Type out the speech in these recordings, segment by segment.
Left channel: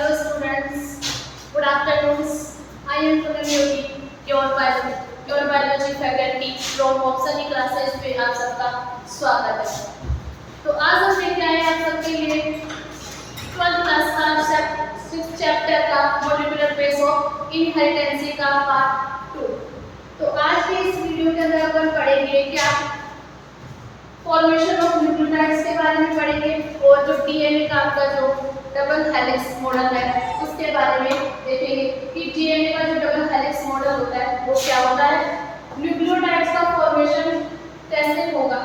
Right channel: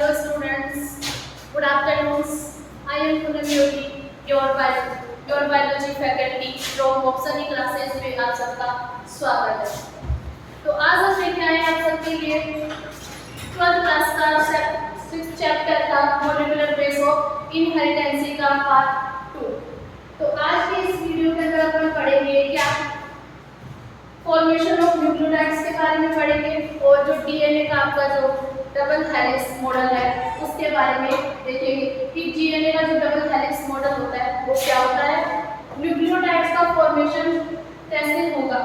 Hello students, good afternoon. I am Poonam Yogi, your biology faculty from Opsani classes पे आप सबका स्वागत है। तो आज हम लेके आए आप सबके लिए 12th क्लास का 6th चैप्टर का मॉलिक्यूलर बेस ऑफ इनहेरिटेंसी का पार्ट 2। तो आज के इस वीडियो के अंदर अपन पढ़ेंगे क्या फॉर्मेशन ऑफ न्यूक्लियोटाइड्स के बारे में पढ़ेंगे और जो डीएनए का आपका जो डबल हेलिक्स मॉडल है उसके बारे में देखेंगे कि डीएनए का जो डबल हेलिक्स मॉडल होता है वो क्या होता है, न्यूक्लियोटाइड्स का फॉर्मेशन कैसे होगा।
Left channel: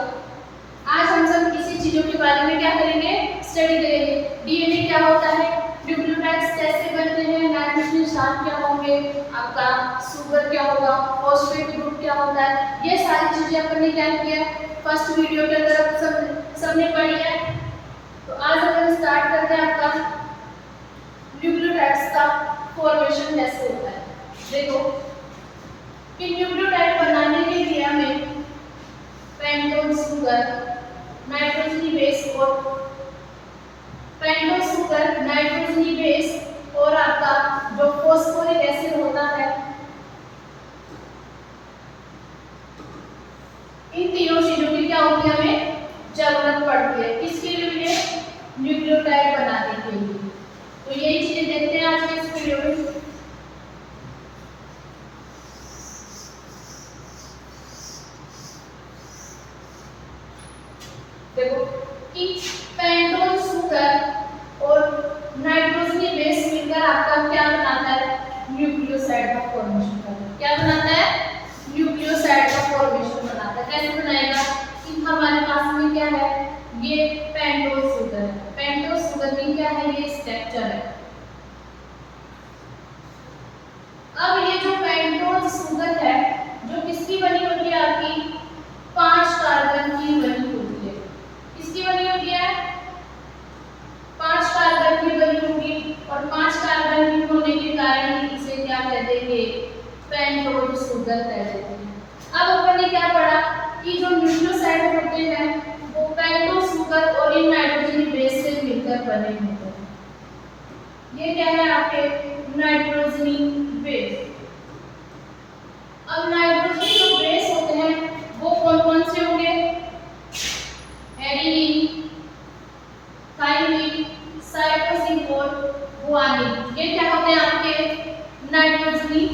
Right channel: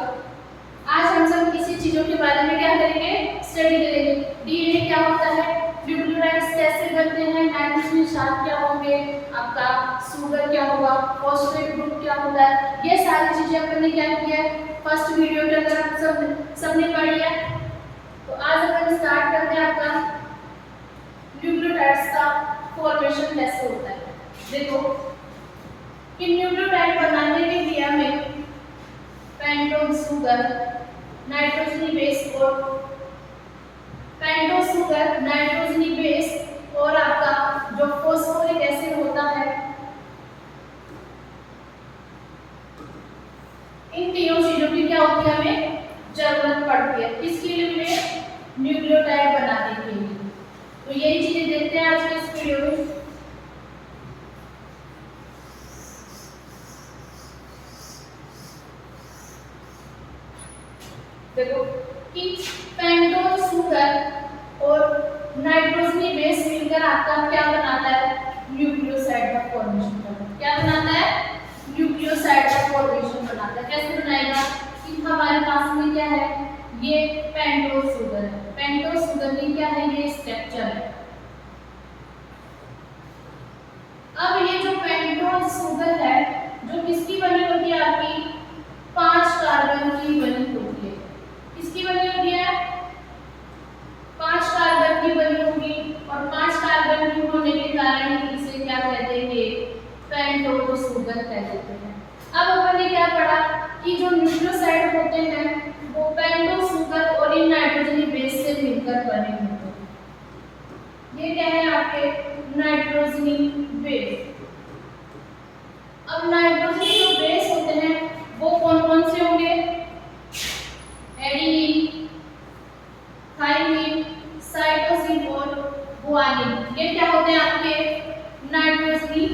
आज हम सब इसी चीजों के बारे में क्या करेंगे, स्टडी करेंगे। डीएनए क्या होता है, न्यूक्लियोटाइड्स कैसे बनते हैं, नाइट्रोजन शार्ट क्या होंगे, आपका शुगर क्या होगा, फॉस्फेट ग्रुप क्या होता है, ये सारी चीजें अपन ने क्या किया है फर्स्ट वीडियो के अंदर आप सबने पढ़ी है। तो आज अपन स्टार्ट करते हैं आपका न्यूक्लियोटाइड्स का फॉर्मेशन कैसे होता है। देखो कि न्यूक्लियोटाइड बनाने के लिए हमें पेंटोज शुगर, नाइट्रोजनी बेस और पेंटोज शुगर, नाइट्रोजनी बेस और आपका जो फॉस्फोरिक एसिड होता है, इन तीनों चीजों की क्या होती है हमें जरूरत पड़ती है। किसके लिए, न्यूक्लियोटाइड बनाने के लिए। तो यही चीजें देखते हैं आज के इस वीडियो में। देखो कि पेंटोज शुगर और नाइट्रोजनी बेस मिलकर आपका क्या बनाता है, न्यूक्लियोसाइड का फॉर्मेशन करता है। क्या बनाता है, न्यूक्लियोसाइड का फॉर्मेशन बनाता है। कैसे बनाएगा कि हमारे पास में क्या है, ये पेंटोज शुगर है। पेंटोज शुगर की क्या है, ये स्ट्रक्चर है। अब ये जो पेंटोज शुगर है जो किसकी बनी होती है, आपकी 5 कार्बन की बनी होती है। किसकी बनी होती है, 5 कार्बन की बनी होगी और 5 कार्बन की होने के कारण ही इसे क्या कह देंगे, पेंटोज शुगर कह देते हैं। अब अपन ने क्या पढ़ा कि जो न्यूक्लियोसाइड होते हैं वो पेंटोज शुगर और इन नाइट्रोजनी बेस से मिलकर बने होते हैं। ये क्या है आपके नाइट्रोजनी बेस। अब नाइट्रोजनी जो बेस होते हैं वो कौन कौन से होंगे, एडेनिन, थाइमिन, साइटोसिन और गुआनिन। ये क्या होते हैं आपके नाइट्रोजनी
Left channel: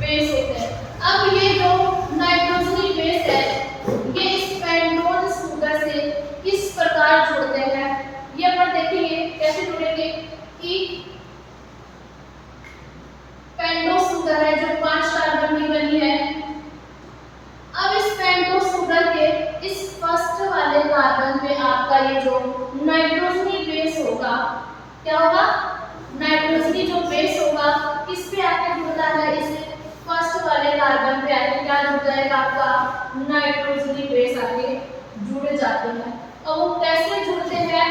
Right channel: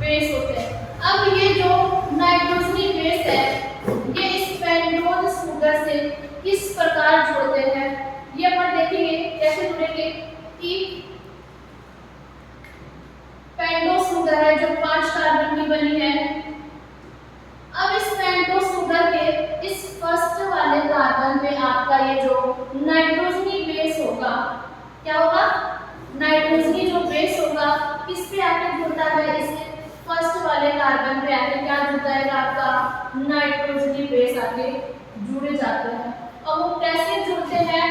बेस होते हैं। अब ये जो नाइट्रोजनी बेस है ये इस पेंटोज शुगर से किस प्रकार जुड़ते हैं ये अपन देखेंगे। कैसे जुड़ेंगे कि पेंटोज शुगर है जो 5 कार्बन की बनी है। अब इस पेंटोज शुगर के इस फर्स्ट वाले कार्बन पे आपका ये जो नाइट्रोजनी बेस होगा, क्या होगा, नाइट्रोजनी जो बेस होगा किस पे आके जुड़ता है, इस फर्स्ट वाले कार्बन पे आके क्या जुड़ जाएगा, आपका नाइट्रोजनी बेस आके जुड़ जाते हैं। अब वो कैसे जुड़ते हैं,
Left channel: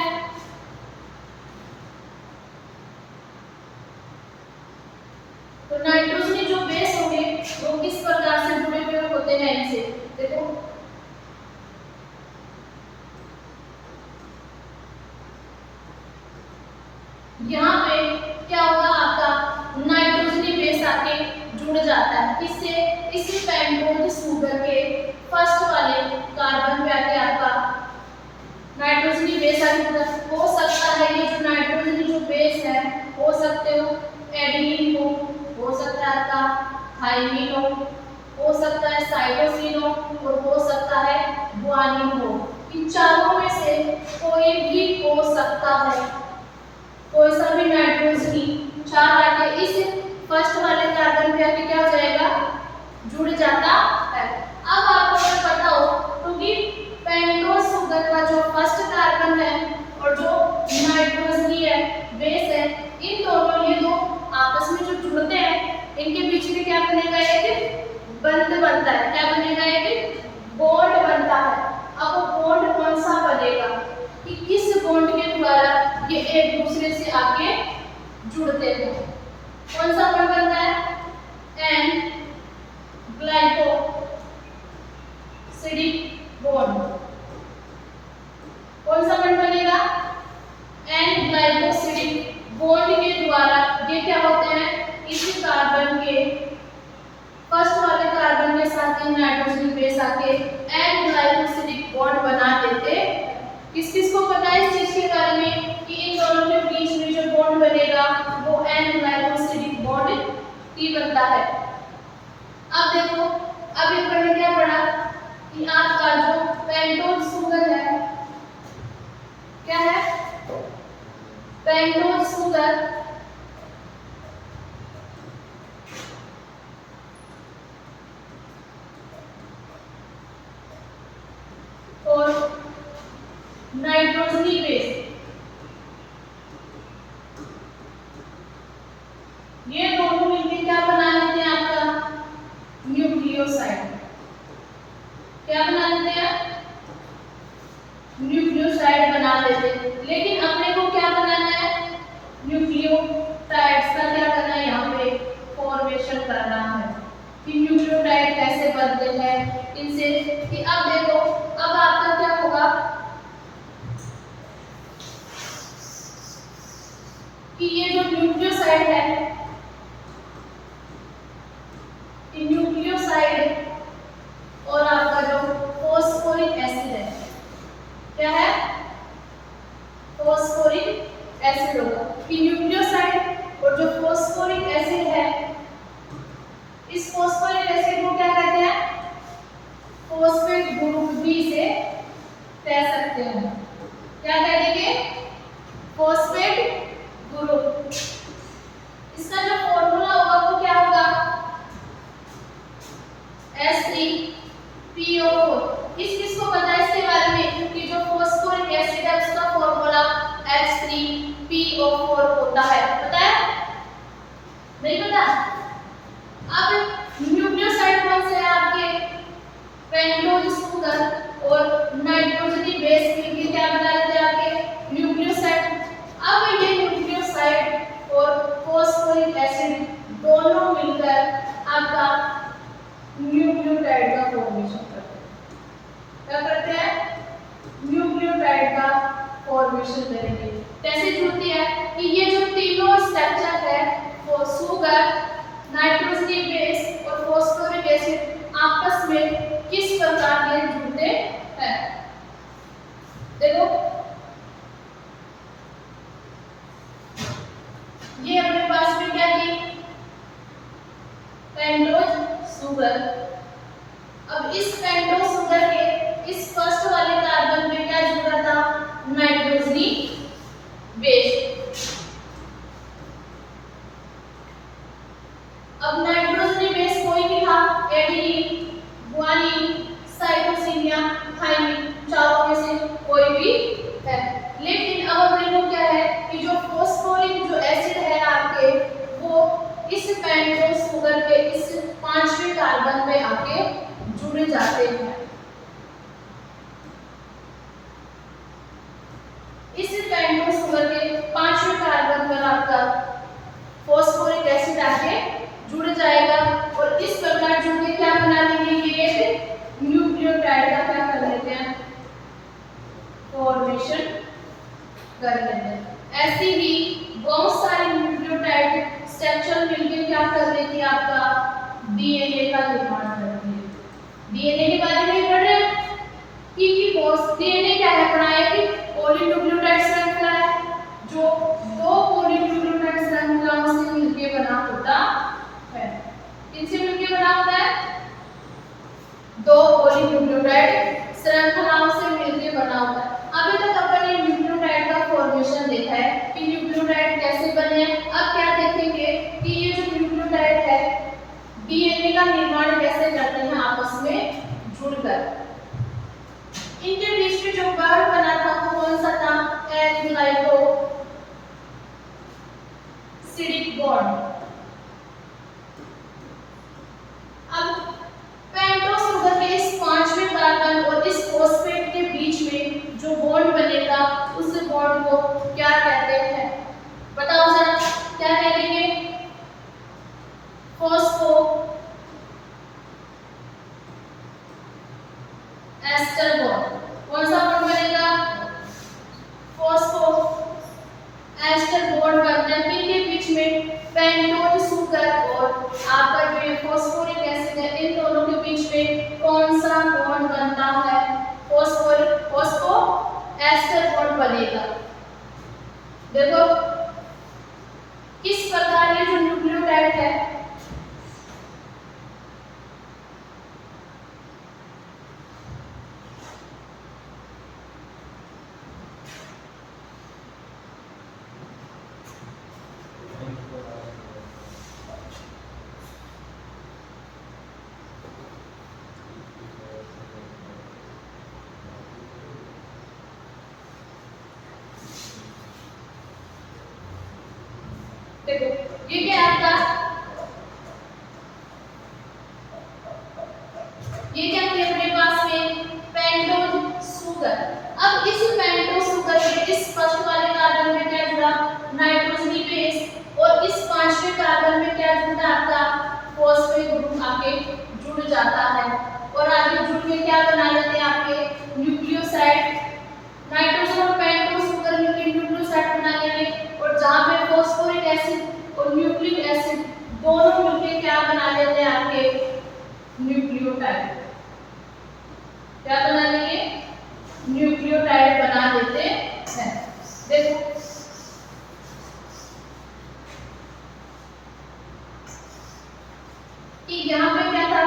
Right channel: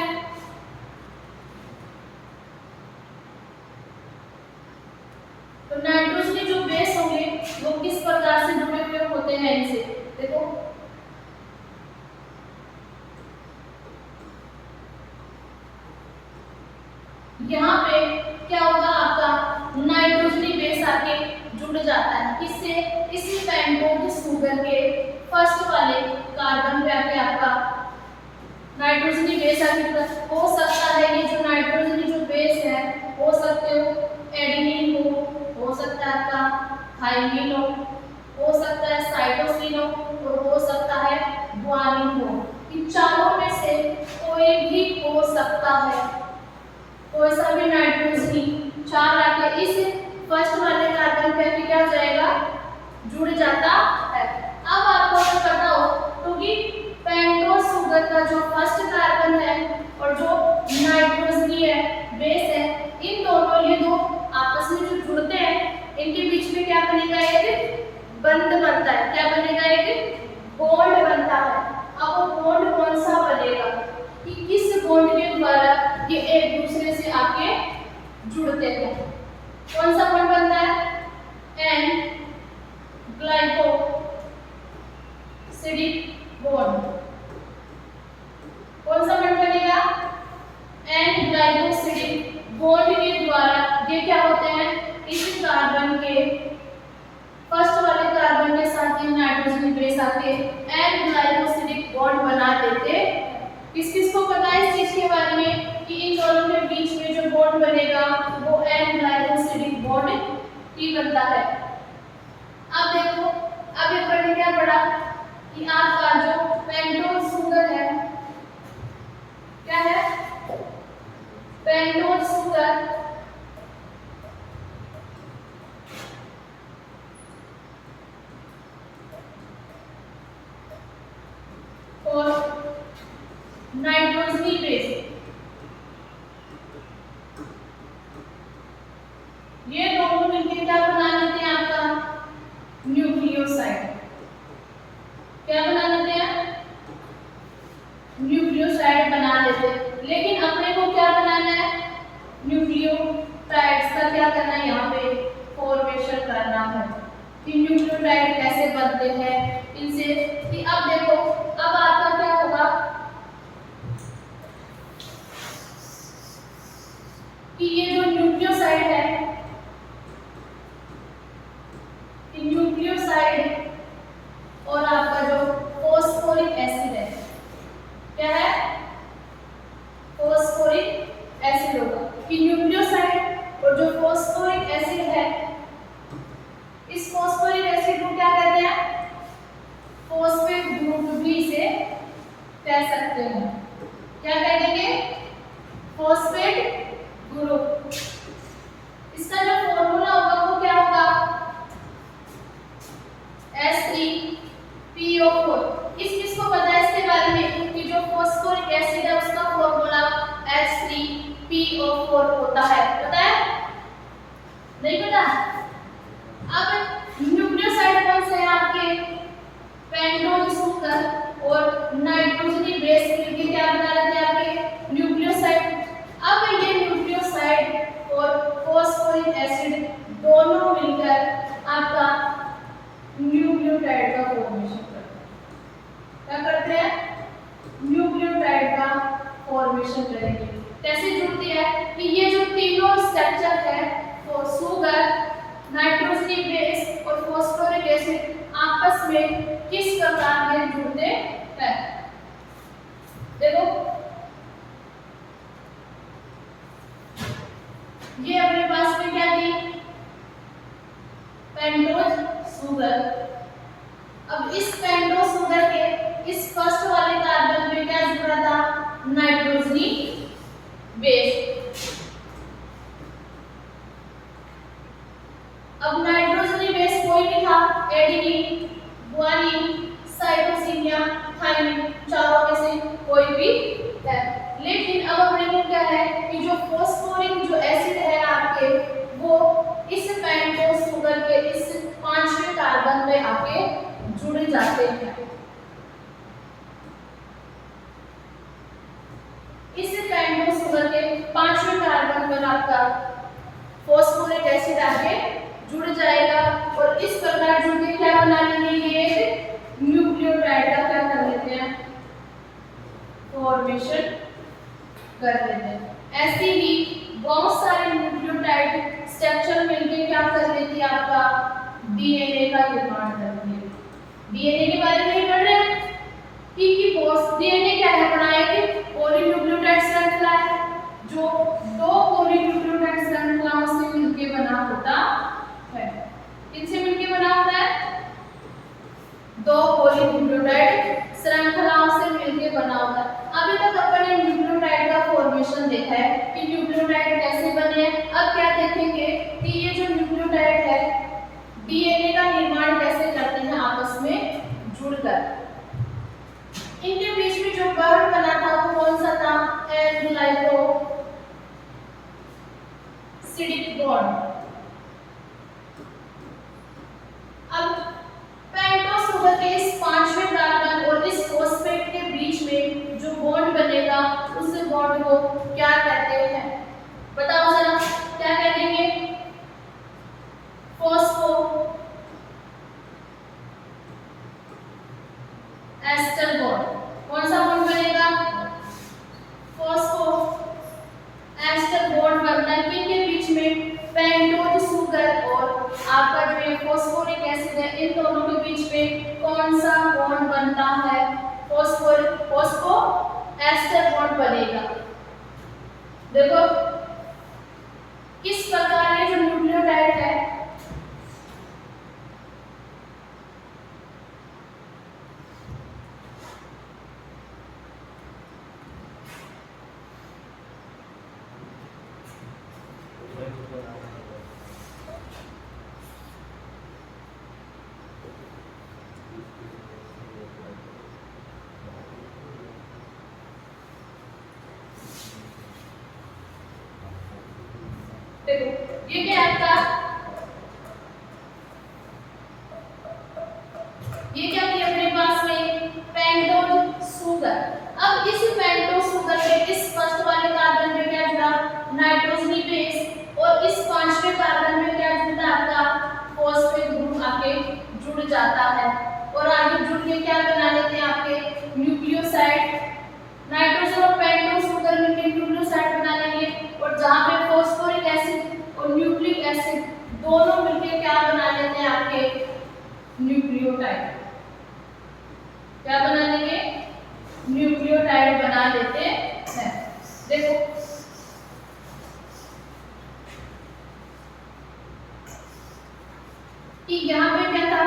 तो नाइट्रोजनी जो बेस होंगे वो किस प्रकार से जुड़े हुए होते हैं इनसे। देखो यहाँ पे क्या होगा, आपका नाइट्रोजनी बेस आके जुड़ जाता है किससे, इसी पेंटोज शुगर के फर्स्ट वाले कार्बन पे आके आपका नाइट्रोजनी बेस आके जुड़ा। हो सकता है ये जो नाइट्रोजनी जो बेस है हो सकते हो एडेनिन हो सकता है आपका थाइमिन हो सकता है साइटोसिन और हो सकता है गुआनिन हो। इन चारों में से कोई भी हो सकता है, कोई सा भी नाइट्रोजनी 4 आके इस फर्स्ट वाले कार्बन पे आके क्या हो जाएगा, जुड़ जाता है। अब आपको अगर पता हो तो कि पेंटोज शुगर का जो फर्स्ट कार्बन है और जो नाइट्रोजनी है बेस है, इन दोनों ये दो आपस में जो जुड़ते हैं इनके बीच में क्या बनेगा, एक बंध बनता है। क्या बनेगा, एक बॉन्ड बनता है। अब वो बॉन्ड कौन सा बनेगा कि किस बॉन्ड के द्वारा ये एक दूसरे से आके जुड़ते हैं। कौन सा बॉन्ड बनता है, एन ग्लाइकोसिडिक बॉन्ड। कौन सा बॉन्ड बनेगा, एन ग्लाइकोसिडिक बॉन्ड के द्वारा ये क्या होते हैं, इस कार्बन के फर्स्ट वाले कार्बन के साथ ये नाइट्रोजन बेस आके एन ग्लाइकोसिडिक बॉन्ड बना देते। किस किस को पता है इस चीज के बारे में कि इन दोनों के बीच में जो बॉन्ड बनेगा वो एन ग्लाइकोसिडिक बॉन्ड ही बनता है। अब देखो, अब ये पढ़ने क्या पड़ा कि आपका जो पेंटोज शुगर है, क्या है, पेंटोज शुगर और नाइट्रोजनी बेस, ये दोनों मिलकर क्या बना लेते हैं, आपका न्यूक्लियोसाइड। क्या बना लेते हैं, न्यूक्लियोसाइड बना लेते हैं। लेकिन अपने को क्या बनाना है, न्यूक्लियोटाइड्स का क्या करना है, यहाँ पे फॉर्मेशन करना है कि न्यूक्लियोटाइड कैसे बनते हैं इनसे। कि अब देखो, अब आपका क्या होगा कि ये जो न्यूक्लियोसाइड है, न्यूक्लियोसाइड और आपका जो फॉस्फोरिक एसिड है, क्या है, फॉस्फोरिक एसिड होगा। कि न्यूक्लियोसाइड और जो फॉस्फोरिक एसिड है, इस फॉस्फोरिक एसिड को क्या कहते हैं, फॉस्फेट ग्रुप भी से कह सकते हो। क्या कह देंगे, फॉस्फेट ग्रुप। इसका जो फॉर्मूला होगा वो क्या होगा, SePO4। किस को पता है इसके बारे में कि जो फॉस्फोरिक एसिड है उसका फॉर्मूला H3PO4 होता है, पता है, नहीं पता? अब न्यूक्लियोसाइड कौन से हैं आपके, पेंटोज शुगर और नाइट्रोजनी बेस मिलकर क्या बना लेते हैं आपके न्यूक्लियोसाइड। अब ये न्यूक्लियोसाइड और फॉस्फोरिक एसिड दोनों मिलकर आपका न्यूक्लियोटाइड का फॉर्मेशन करते हैं। क्या करते हैं, न्यूक्लियोटाइड का फॉर्मेशन करेंगे। कैसे जुड़ती है कि ये जो तीनों स्ट्रक्चर है, वो शुगर, नाइट्रोजनी बेस और फॉस्फोरिक एसिड आपस में किस प्रकार ये जुड़ते हैं। देखो, ये अपने पास में क्या थी, पेंटोज शुगर। अब इस पेंटोज शुगर के इस फर्स्ट वाले कार्बन में क्या जुड़ा था, नाइट्रोजनी बेस। अब नाइट्रोजनी बेस कोई भी था, एडेनिन, गुआनिन, साइटोसिन या थाइमिन, चारों में से कोई भी है। लेकिन अब अपने को क्या है कि जो फॉस्फोरिक जो एसिड है आपके, वो इस पेंटोज शुगर के इस पांचवें कार्बन में आके जुड़ जाते हैं। इस पेंटोज शुगर के पांचवें कार्बन पर आपका फॉस्फोरिक एसिड आके जुड़ जाएगा और इस प्रकार जुड़ के क्या बना लेंगे, ये एक न्यूक्लियोटाइड का क्या कर लेते हैं, फॉर्मेशन कर लेते हैं। ऐसे ही बहुत सारे न्यूक्लियोटाइड स्ट्रक्चर मिलकर क्या कर लेती है, आपका डीएनए का निर्माण करती है। डीएनए के बारे में ही पढ़ रहे हैं कि डीएनए क्या है, पढ़ाया कि पॉलीन्यूक्लियोटाइड श्रृंखला है जो दो पॉलीन्यूक्लियोटाइड श्रृंखलाओं से मिलकर बना होता है। किनसे मिलकर बना होता है, दो पॉलीन्यूक्लियोटाइड श्रृंखलाओं से मिलकर बना होता है। अभी तक अपन ने न्यूक्लियोटाइड का फॉर्मेशन देखा है कि न्यूक्लियोटाइड कैसे बने हैं। अब क्या देखेंगे कि ये जो न्यूक्लियोटाइड है डीएनए का निर्माण कैसे करते हैं आपस में जुड़कर। इनके बीच में जो बॉन्ड बना था वो कौन सा था, एन ग्लाइकोसिडिक बॉन्ड। अब पेंटोज शुगर के इस पांचवें कार्बन और इस फॉस्फेट के बीच में जो बॉन्ड बनेगा उस बॉन्ड को क्या कहते हैं, बताओ जरा, क्या कहेंगे, फॉस्फो एस्टर बॉन्ड। कौन सा बॉन्ड बनेगा, फॉस्फो एस्टर बॉन्ड बनता है किनके बीच में, पेंटोज शुगर और आपका जो ये फॉस्फोरिक एसिड है, इन दोनों के बीच में कौन सा बॉन्ड बनता है? फॉस्फो एस्टर बॉन्ड बनेगा। देखो किस प्रकार ये जो न्यूक्लियोटाइड है देखो ये क्या आपका ये क्या किया अपने पास में पेंटोज शुगर। अब इस पेंटोज शुगर के इस फर्स्ट वाले कार्बन में क्या जुड़ा? नाइट्रोजनी बेस। और इस पांचवें कार्बन में क्या जुड़ा? आपका फॉस्फेट ग्रुप आके जुड़ जाता है और आगे जुड़ के क्या बना लेते हैं आपके न्यूक्लियोसाइड। नाइट्रोजन और पेंटोज शुगर मिलकर न्यूक्लियोसाइड बना लेंगे और जहां पे फॉस्फोरिक एसिड और न्यूक्लिक एसिड दोनों मिलकर क्या बना लेते हैं आपके न्यूक्लियोटाइड। क्या बना लेंगे? न्यूक्लियोटाइड बना लेते हैं। देखो कि यहाँ पे क्या था?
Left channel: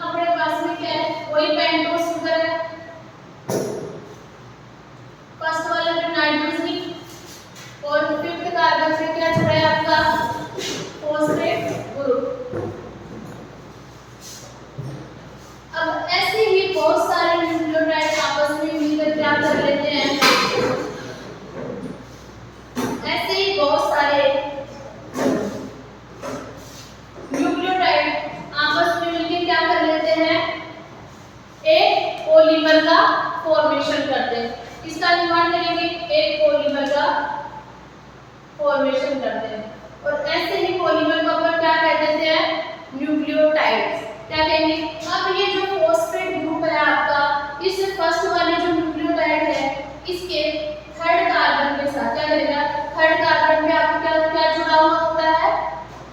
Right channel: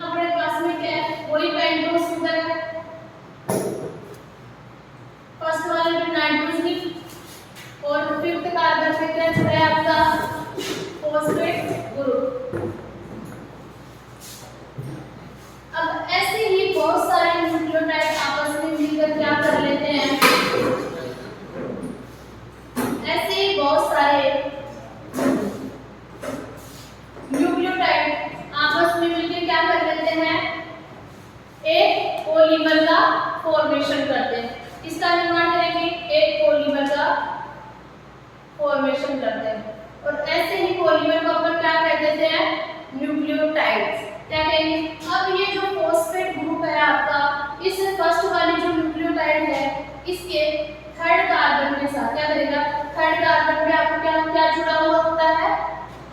अपने पास में क्या है? वही पेंटोज शुगर है। फर्स्ट वाले में नाइट्रोजनी और फिफ्थ कार्बन पे क्या जुड़ा है आपका फॉस्फेट ग्रुप। अब ऐसे ही बहुत सारे न्यूक्लियोटाइड आपस में मिलकर क्या कर लेते हैं? ऐसे ही बहुत सारे न्यूक्लियोटाइड आपस में मिलकर क्या कर लेते हैं? एक पॉलीमर का फॉर्मेशन करते हैं। इसका निर्माण करेंगे, एक पॉलीमर का फॉर्मेशन करते हैं और ऐसे ही पॉलीमर को अपन क्या कह देते हैं? न्यूक्लियोटाइड्स। क्या कहेंगे? अब ये जो फॉस्फेट ग्रुप है आपका, इस फर्स्ट वाले जो न्यूक्लियोटाइड है इसके थर्ड कार्बन के साथ क्या करेगा? थर्ड कार्बन पे आपको क्या क्या जुड़ा हुआ होता है?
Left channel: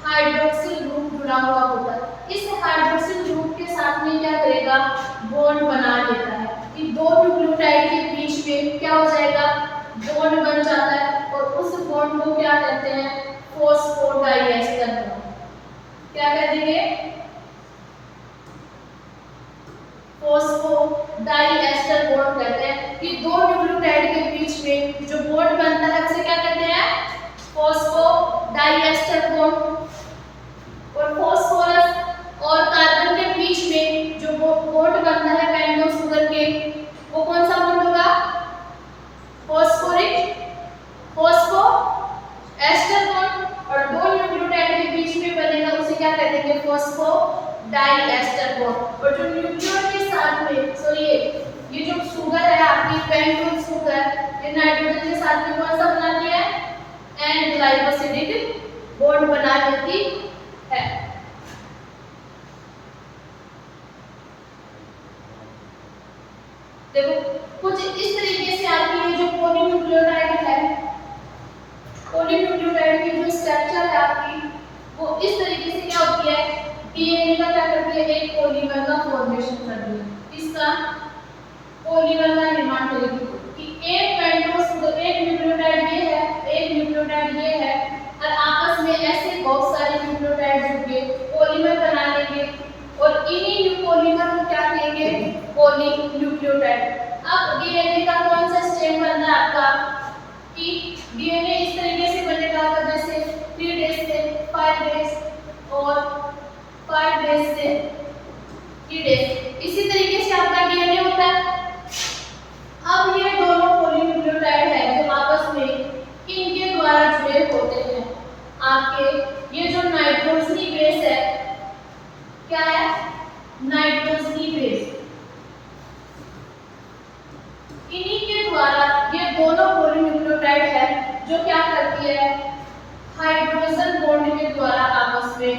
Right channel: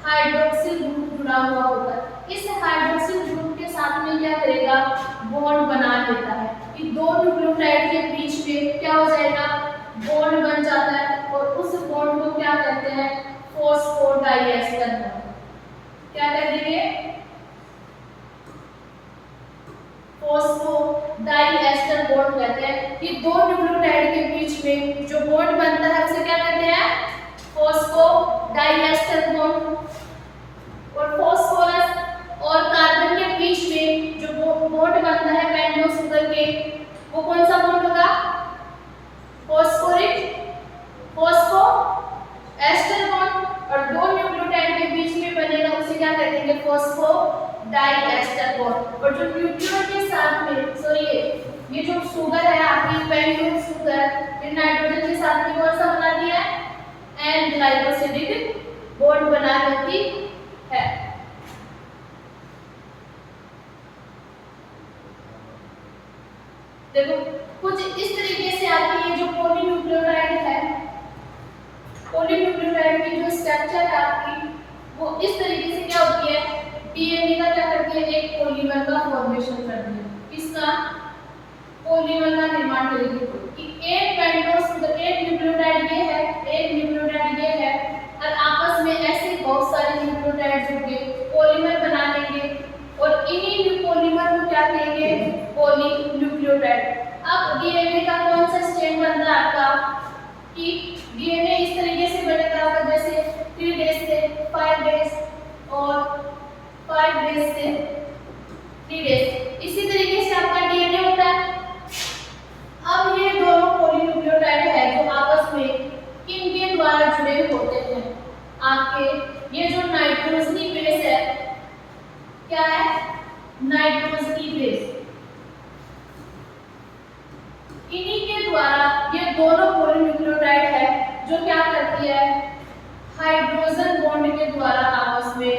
हाइड्रोक्सिल ग्रुप जुड़ा हुआ होता है। इस हाइड्रोक्सिल ग्रुप के साथ में क्या करेगा? बॉन्ड बना लेता है। कि दो न्यूक्लियोटाइड के बीच में क्या हो जाएगा? बॉन्ड बन जाता है और उस बॉन्ड को क्या कहते हैं? Phosphodiester bond. क्या कह देंगे? फॉस्फोडाइएस्टर बॉन्ड कहते हैं। कि दो न्यूक्लियोटाइड के बीच में जो बॉन्ड बनता है उसे क्या कहते हैं? Phosphodiester bond. और फॉस्फोरस और कार्बन के बीच में जो बॉन्ड बनता है पेंटोज शुगर के, वो कौन सा बॉन्ड होगा? Phospho ester bond. और दो न्यूक्लियोटाइड के बीच में बनेगा उसे क्या कह देंगे? Phosphodiester bond. और जो न्यूक्लियोटाइड के साथ में ये जो शुगर है आपकी पेंटोज शुगर, ये नाइट्रोजन के साथ में कौन सा बनाती है? एन ग्लाइकोसिडिक बॉन्ड बना देती है। देखो कुछ इस तरीके से आपकी ये जो पॉलीन्यूक्लियोटाइड है, पॉलीन्यूक्लियोटाइड की जो स्ट्रक्चर है आपकी वो इस तरीके से क्या होती है? डीएनए का क्या करती है? एक पॉलीमर का फॉर्मेशन करती है। इसका पॉलीमर का निर्माण करेगी कि एक पेंटोज शुगर, एक न्यूक्लियोटाइड ये है, एक न्यूक्लियोटाइड ये है और आपस में ऐसे बहुत सारे न्यूक्लियोटाइड जुड़ के पॉलीमर बना लेंगे और इन्हीं पॉलीमर को क्या कहेंगे? पॉलीन्यूक्लियोटाइड। अब डीएनए का कौन सा स्ट्रैंड बनता है आपका? कि डीएनए इस तरीके से बनेगा आपका जैसे 3 डेज से 5 डेज और 5 डेज से 3 डेज, इसी तरीके से आपका डीएनए होता है। अब ये दोनों पॉलीन्यूक्लियोटाइड है जो आपस में किनके द्वारा जुड़े होते हैं? आपके ये जो नाइट्रोजनी बेस है, क्या है? नाइट्रोजनी बेस। इन्हीं के द्वारा ये दोनों पॉलीन्यूक्लियोटाइड है जो क्या करती है? हाइड्रोजन बॉन्ड के द्वारा आपस में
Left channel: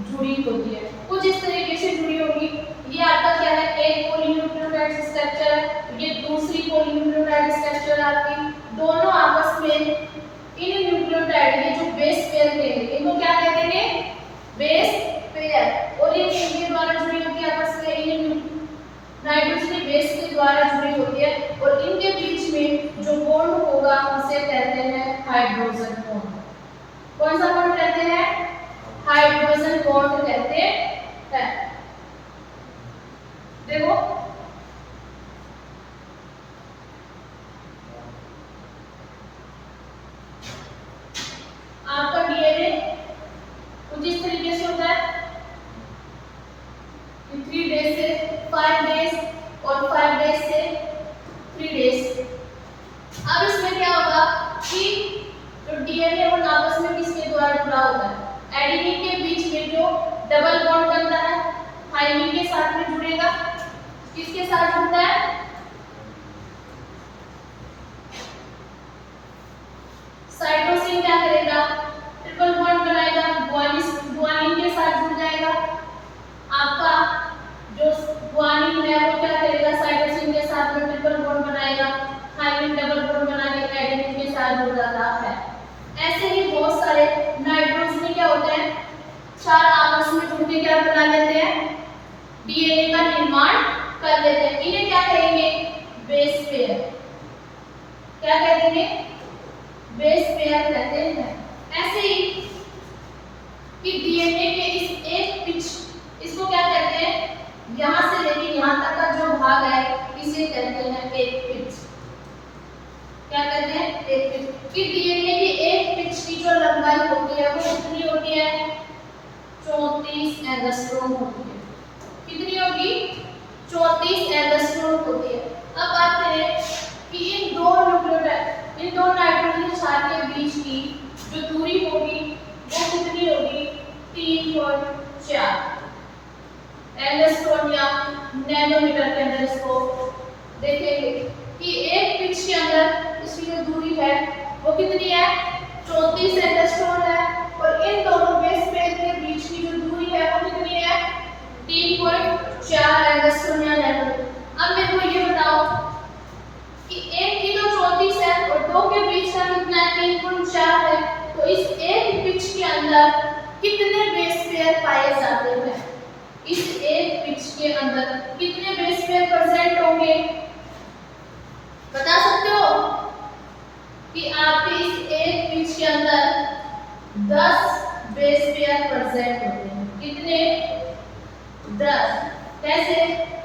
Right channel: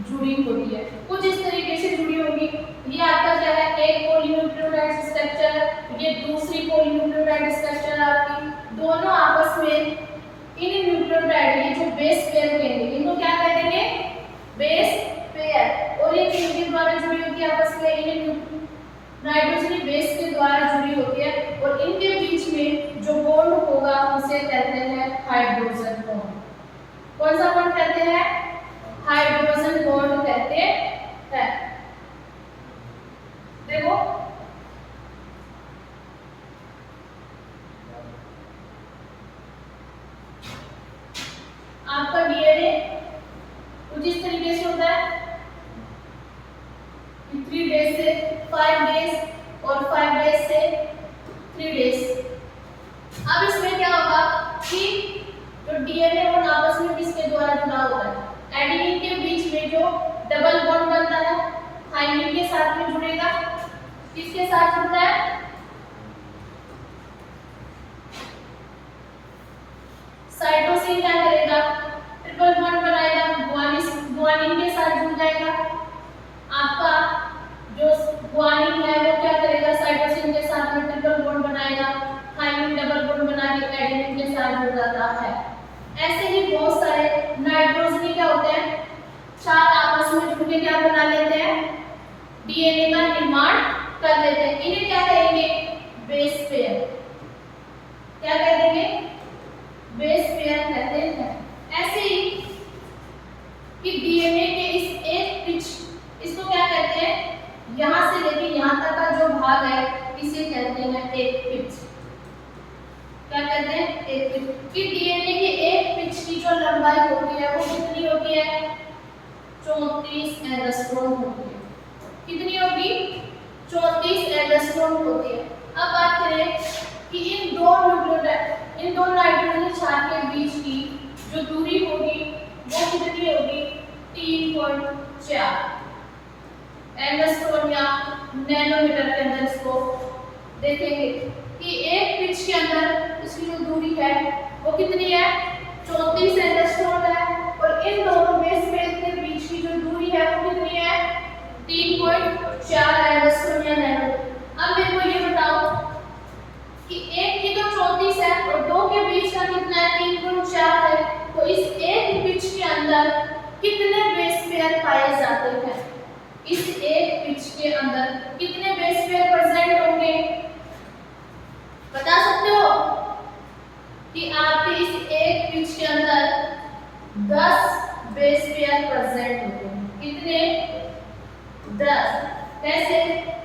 जुड़ी होती है। कुछ इस तरीके से जुड़ी होगी। ये आपका क्या है, एक पॉलीन्यूक्लियोटाइड स्ट्रक्चर है, ये दूसरी पॉलीन्यूक्लियोटाइड स्ट्रक्चर आपकी, दोनों आपस में इन न्यूक्लियोटाइड, ये जो बेस पेयर कहेंगे, इनको क्या कह देंगे, बेस पेयर। और ये किनके द्वारा जुड़ी होती है आपस में, इन नाइट्रोजनी बेस के द्वारा जुड़ी होती है। और इनके बीच में जो बॉन्ड होगा उसे कहते हैं हाइड्रोजन बॉन्ड। कौन सा बॉन्ड कहते हैं, हाइड्रोजन बॉन्ड कहते हैं। देखो आपका डीएनए कुछ इस तरीके से होता है, 3 डेज से 5 डेज और 5 डेज से 3 डेज। अब इसमें क्या होगा कि जो डीएनए और आपस में किसके द्वारा जुड़ा होता है, एडेनिन के बीच में जो डबल बॉन्ड बनता है थाइमिन के साथ में जुड़ेगा। किसके साथ जुड़ता है, साइटोसिन क्या करेगा, ट्रिपल बॉन्ड बनाएगा, गुआनिन के साथ जुड़ जाएगा। आपका जो गुआनिन है वो क्या करेगा, साइटोसिन के साथ में ट्रिपल बॉन्ड बनाएगा, थाइमिन डबल बॉन्ड बना के एडेनिन के साथ जुड़ जाता है। ऐसे ही बहुत सारे नाइट्रोजनी क्या होते हैं, 4 आपस में जुड़ के क्या बना लेते हैं, डीएनए का निर्माण कर लेते हैं। इन्हें क्या कहेंगे, बेस पेयर। क्या कह देंगे, बेस पेयर कहते हैं। ऐसे ही कि डीएनए के इस एक पिच, इसको क्या कहते हैं, यहां से लेके यहां तक का जो भाग है इसे कहते हैं एक पिच। क्या कहते हैं, एक पिच। कि डीएनए की एक पिच की जो लंबाई होती है वो कितनी होती है, 34 एंगस्ट्रॉम होती है। कितनी होगी, 34 एंगस्ट्रॉम होती है। अब बात करें कि इन दो न्यूक्लियोटाइड, इन दो नाइट्रोजन क्षार के बीच की जो दूरी होगी वो कितनी होगी, 3.4 एंगस्ट्रॉम या नैनोमीटर के अंदर इसको देखेंगे कि एक पिच के अंदर इसकी जो दूरी है वो कितनी है, 34 एंगस्ट्रॉम है। और इन दोनों बेस पेयर के बीच की जो दूरी है वो कितनी है, 3.4 एंगस्ट्रॉम या नैनोमीटर। अब मेरे को ये बताओ कि एक की तो 34 है और दो के बीच का कितना है, 3.4 है। तो इस एक पिच के अंदर कितने बेस पेयर पाए जाते हैं, इस एक पिच के अंदर कितने बेस पेयर प्रेजेंट होंगे, बता सकते हो कि आपके इस एक पिच के अंदर 10 बेस पेयर प्रेजेंट होते हैं। कितने, 10। कैसे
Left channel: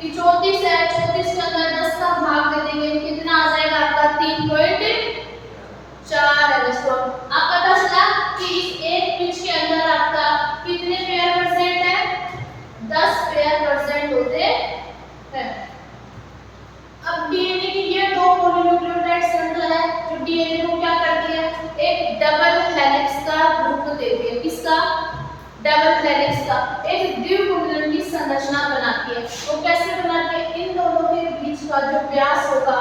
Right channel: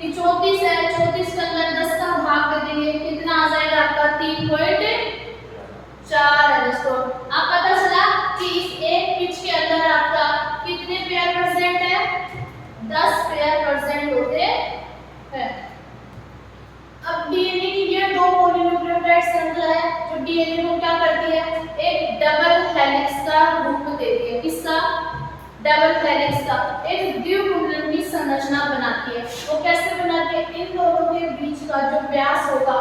कि 34 है, 34 के अंदर 10 का भाग दे देंगे, कितना आ जाएगा आपका, 3.4 एंगस्ट्रॉम। आप पता चला कि इस एक पिच के अंदर आपका कितने पेयर प्रेजेंट है, 10 पेयर प्रेजेंट होते हैं। अब डीएनए की ये दो पॉलीन्यूक्लियोटाइड श्रृंखला है जो डीएनए को क्या करती है, एक डबल हेलिक्स का रूप देती है। किसका, डबल हेलिक्स का, एक द्विकुंडलन की संरचना बनाती है। वो कैसे बनाती है, इन दोनों के बीच का जो व्यास होगा,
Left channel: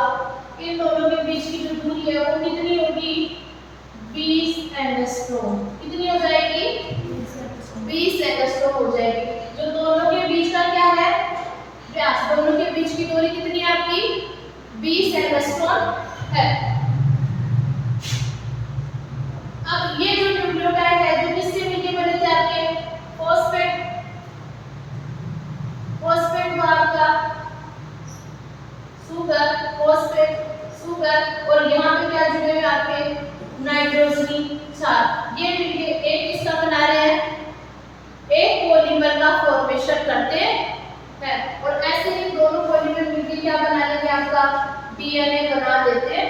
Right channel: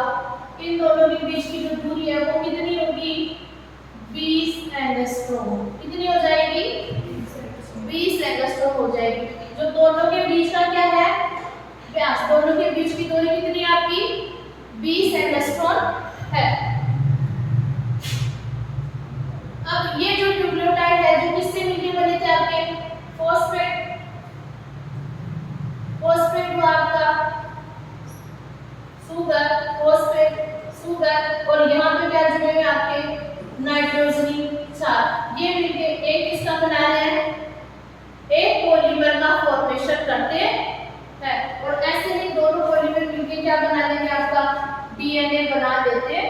इन दोनों के बीच की जो दूरी है वो कितनी होगी, 20 एंगस्ट्रॉम। कितनी हो जाएगी, 20 एंगस्ट्रॉम हो जाएगी। जो दोनों के बीच का क्या है, व्यास, दोनों के बीच की दूरी कितनी है आपकी, 20 एंगस्ट्रॉम है। अब ये जो न्यूक्लियोटाइड है जो किससे मिलके बने थे आपके, फॉस्फेट, फॉस्फेट वो आपका सुगर, फॉस्फेट सुगर, और यहाँ पे क्या जुड़े हुए आपके नाइट्रोजनी क्षार। ये मिलके एक किसका बना रहे हैं, एक पॉलीमर का फॉर्मेशन करते हैं। और ऐसे ही दोनों पॉलीमर मिलके क्या बना लेंगे, आपका डीएनए बना देते हैं।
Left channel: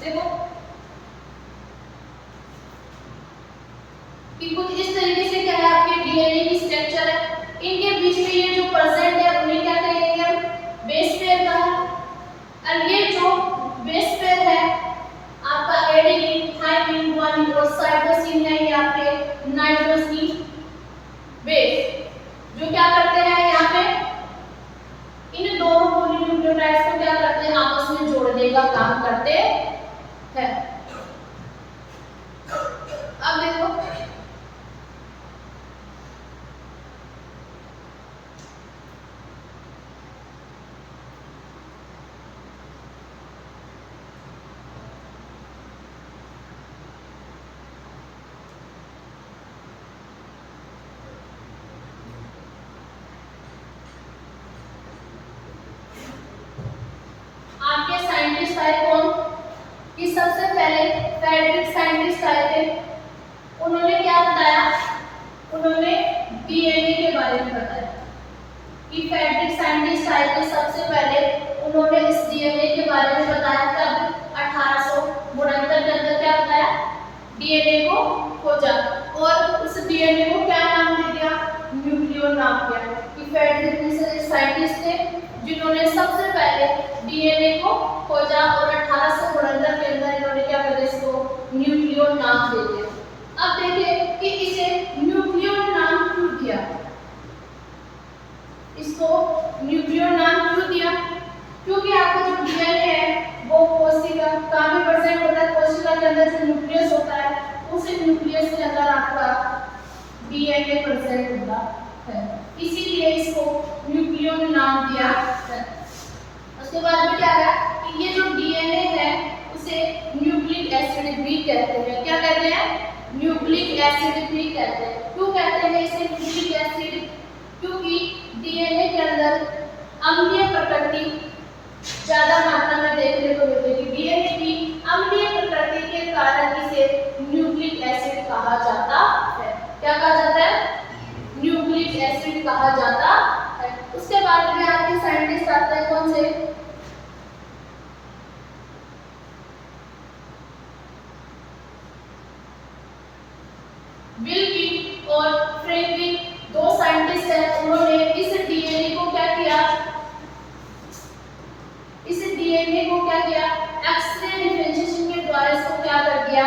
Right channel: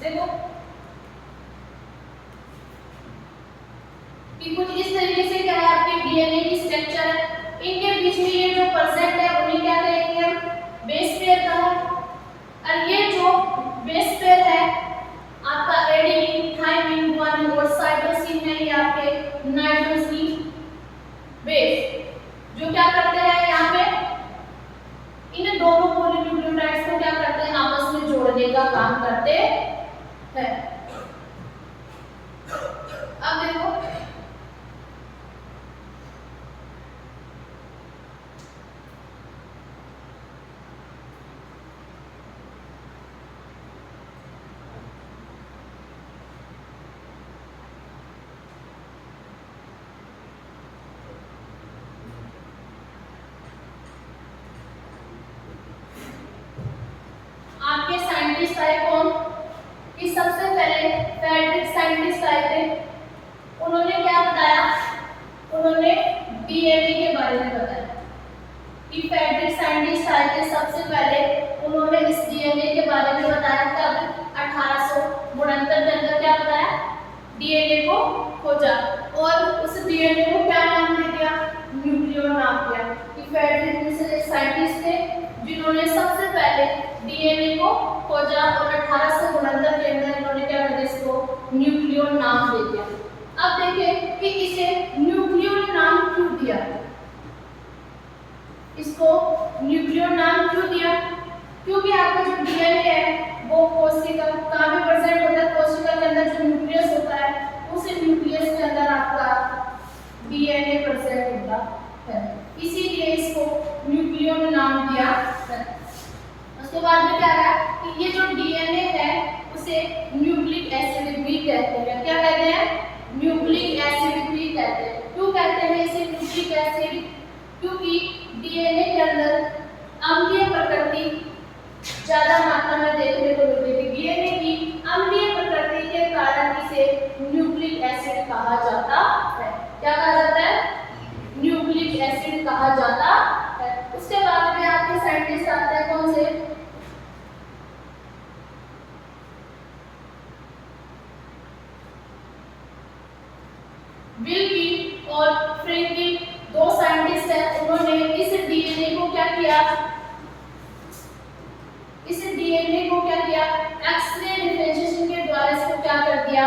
देखो कि कुछ इस तरीके से क्या है आपके डीएनए की स्ट्रक्चर है। इनके बीच में ये जो परसेंट है उन्हें क्या कहेंगे हम, बेस पेयर कहा। और ये जो बेस पेयर है आपका एडेनिन, थाइमिन, गुआनिन और साइटोसिन है, ये आपके नाइट्रोजनी बेस जो क्या करते हैं यहाँ पे, इन दोनों पॉलीन्यूक्लियोटाइड्स को क्या करते हैं, आपस में जोड़ने का काम करते हैं। अब बारे में बताया कि फ्रेडरिक साइंटिस्ट आए थे सबसे पहले, उन्होंने इस डीएनए के बारे में बताया। तब 1869 के अंदर क्या बताया, डीएनए को खोजा और उस डीएनए को क्या नाम दे दिया, न्यूक्लियो नाम दिया। कि फ्रेडरिक साइंटिस्ट थे जिन्होंने सबसे पहले डीएनए को खोजा और 1869 के अंदर इन्होंने क्या कर दिया, इसको न्यूक्लियो नाम दे दिया। अब देखिए कि इसे न्यूक्लियो नाम क्यों दिया, इसको न्यूक्लियो नाम क्यों दिया, क्योंकि आपका जो डीएनए है वो कोशिका कहाँ पे प्रेजेंट होता है, कोशिका के अंदर जो न्यूक्लियस होता है उस न्यूक्लियस के अंदर आपका डीएनए प्रेजेंट होता है, इसीलिए इसको न्यूक्लियो नाम दिया है। उसके बाद में क्या है कि ये जो डीएनए है उसे न्यूक्लिक एसिड भी कहते हैं। क्या कहते हैं, न्यूक्लिक एसिड भी कहते हैं। क्यों कहते हैं इसे न्यूक्लिक एसिड, क्योंकि डीएनए के अंदर अम्लीय प्रकृति ज्यादा मात्रा में देखने को मिलती है। डीएनए की अम्लीय प्रकृति के कारण इसे न्यूक्लिक एसिड कहा जाता है। क्या कहा जाता है, न्यूक्लिक एसिड कहा जाता है। उसके बाद में आपके साइंटिस्ट आते हैं कौन से, विल्की और फ्रैंकलिन, दो साइंटिस्ट हैं। उन्होंने इस डीएनए को क्या किया, इस डीएनए को क्या किया, एक्सरे डिफरेंशिएशन के द्वारा इसको क्या कर दिया,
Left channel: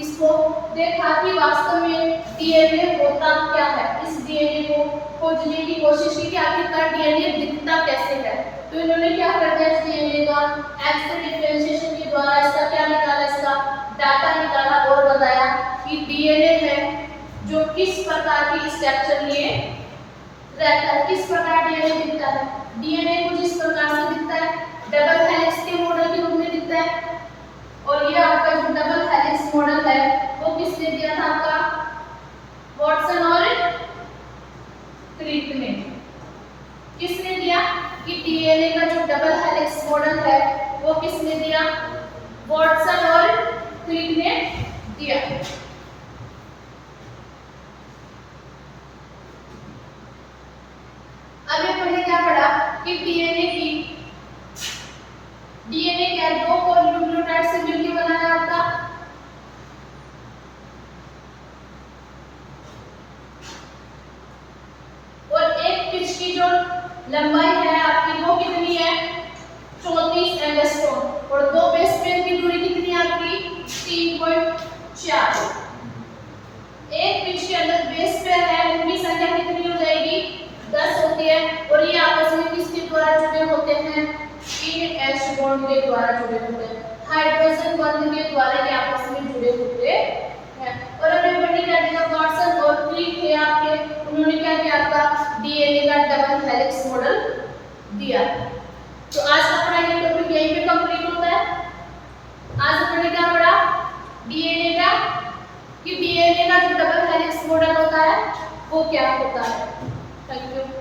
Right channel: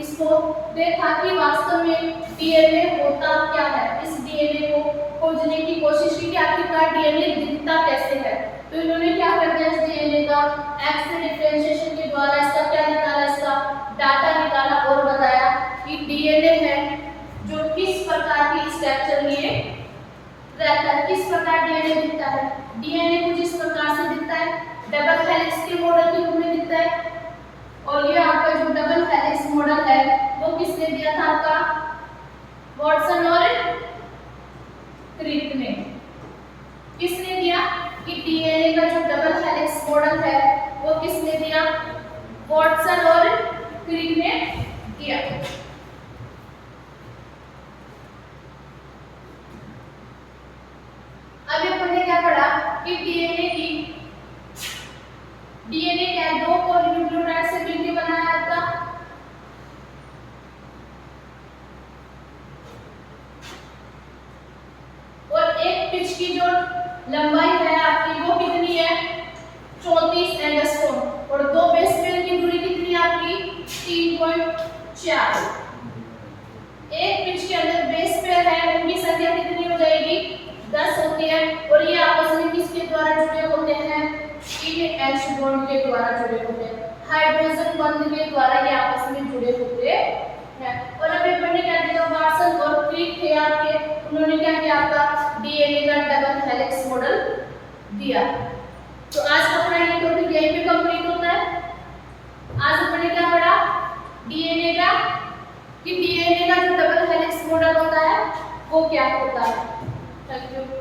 इसको देखा कि वास्तव में डीएनए होता क्या है। इस डीएनए को खोजने की कोशिश की कि आखिरकार डीएनए दिखता कैसे है। तो इन्होंने क्या कर दिया, इस डीएनए का एक्सरे डिफरेंशिएशन के द्वारा इसका क्या निकाला, इसका डाटा निकाला और बताया कि डीएनए है जो किस प्रकार की स्ट्रक्चर लिए रहता है, किस प्रकार डीएनए दिखता है। डीएनए कुछ इस प्रकार से दिखता है, डबल हेलिक्स के मॉडल के रूप में दिखता है। और ये आपका जो डबल हेलिक्स मॉडल है वो किसने दिया था, आपका वॉटसन और क्रिक ने। किसने दिया कि डीएनए का जो डबल हेलिक्स मॉडल है वो किसने दिया, वॉटसन और क्रिक ने दिया। अब अपन ने क्या पढ़ा कि डीएनए क्या है, दो पॉलीन्यूक्लियोटाइड से मिलकर बनाया आपका। और एक पिच की जो लंबाई है आपकी वो कितनी है, 34 एंगस्ट्रॉम। और दो बेस पेयर की दूरी कितनी है आपकी, 3.4। एक पिच के अंदर बेस पेयर है उनकी संख्या कितनी हो जाएगी, 10 होती है। और ये आपस में किसके द्वारा जुड़े होते हैं, इन H बॉन्ड के द्वारा जुड़े होते हैं, हाइड्रोजन बंध के द्वारा ये आपस में जुड़े होते हैं। और अभी पढ़ने क्या देखा, वॉटसन और क्रिक थे आपके, उन्होंने क्या किया, आपका डीएनए का डबल हेलिक्स मॉडल दिया। तो आज का अपना ये टॉपिक यहीं पे कंप्लीट होता है। आज अपन ने क्या पढ़ा, डीएनए का, कि डीएनए का जो डबल हेलिक्स मॉडल होता है वो क्या होता है। Thank you.